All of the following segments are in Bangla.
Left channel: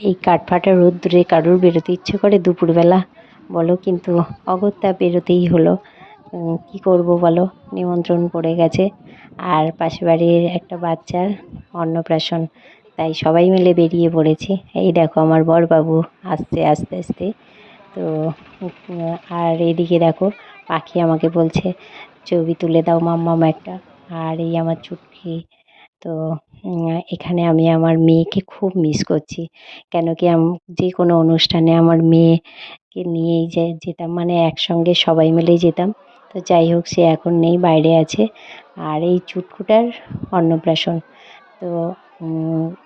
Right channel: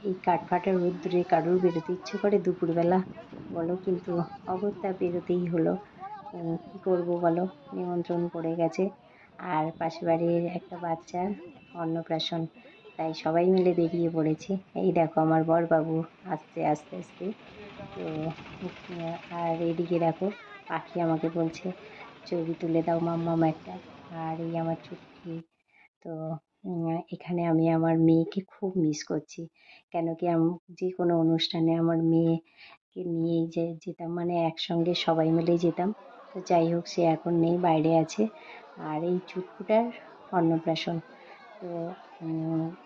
এই কাঠফাটা রোদ্দুরে কারুর বেরোতে ইচ্ছে করে দুপুরবেলা বলো, কিন্তু অগত্যা বেরোতেই হলো। কি করব বলো, নিমন্ত্রণ পড়ে গেছে। আর পাশে বাড়ির একটা বাচ্চার অন্নপ্রাশন, তাই সবাই মিলে বেরিয়ে পড়েছি। এই দেখো আমার বরবাবু আসছে আস্তে আস্তে। তো আর এদিকে দেখো পাখি আমাকে বলছে ছবি তুলে দাও মাম্মাম একটা। আর এই আমার চুটকি। তো এখানে আমি আমার মেয়েকে খুব মিস করছি। কেন কি যে কোনো অনুষ্ঠানে আমার মেয়েকে নিয়েই যেতাম, মানে একসঙ্গে সবাই মিলেই যেতাম। তো যাই হোক, সে এখন নেই, বাইরে আছে। আর এই চুটকুটার অন্নপ্রাশন। তো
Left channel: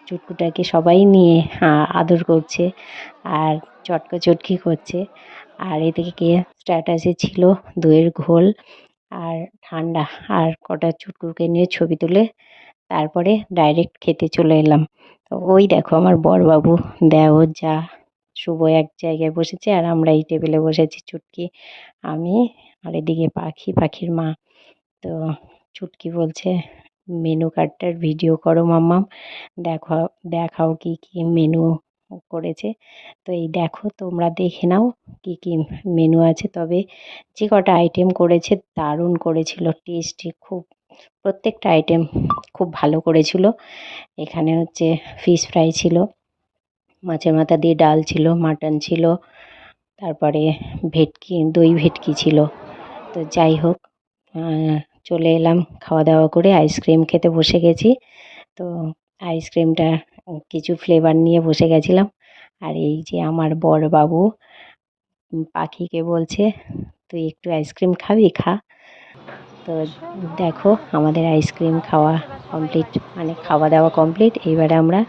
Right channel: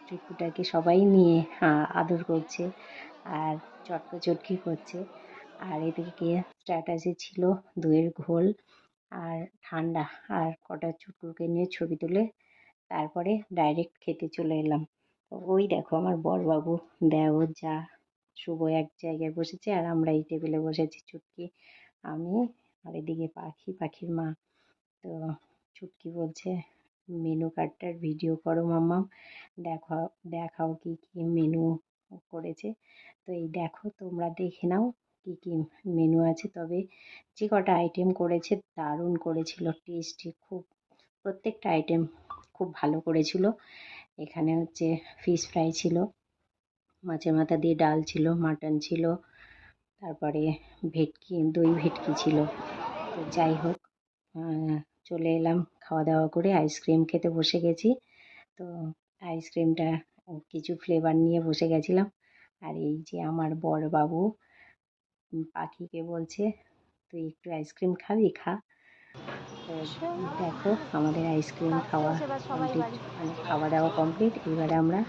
চুটকুটাকে সবাই নিয়ে আদর করছে আর চটকাচটকি করছে। আর এদিকে স্ট্যাটাসে ছিল দইয়ের ঘোল আর ঠান্ডা, আর কটা চুটকুকে নিয়ে ছবি তুলে তারপরে ডাইরেক্ট খেতে চলে এলাম। তো ওই দেখো আমার বরবাবু, দেওর যা, শুভ এক জায়গায় বসেছে আর আমরা এই টেবিলে বসেছি, চুটকি, আমি, আর এদিকে পাখির মা। তো চুটকি বলছে মেনু কার্ডটার ভিডিও করো মাম্মাম, দেখাও দেখাও কি কি মেনু করেছে। তো এই দেখো, তোমরা দেখে নাও কি কি মেনু আছে। তবে যে কটা আইটেম করেছে দারুণ করেছিল, টেস্টি খুব, প্রত্যেকটা আইটেম খুব ভালো করেছিল। এখানে হচ্ছে ফিশ ফ্রাই ছিল, মাছের মাথা দিয়ে ডাল ছিল, মাটন ছিল, তারপরে ভেটকি, দই ভেটকি ছিল। তো যাই হোক, আহ, চলে এলাম খাওয়া দাওয়া করে, আইসক্রিম খেতে বসে গেছি। তো আইসক্রিমটা কিছু ফ্লেভার নিয়ে বসে গেছিলাম। আর এই যে আমার বর বাবু পাখিকে বলছে তুই একটু আইসক্রিম খাবি, খা। তো দেখো আমাদের আইসক্রিম খাওয়া কমপ্লিট, মানে খাওয়া দাওয়া কমপ্লিট। এবারে আমরা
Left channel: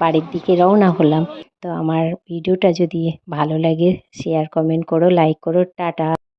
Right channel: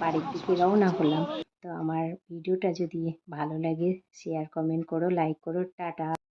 বাড়ির দিকে রওনা হলাম। তো আমার ভিডিওটা যদি ভালো লাগে শেয়ার কমেন্ট করো, লাইক করো, টাটা।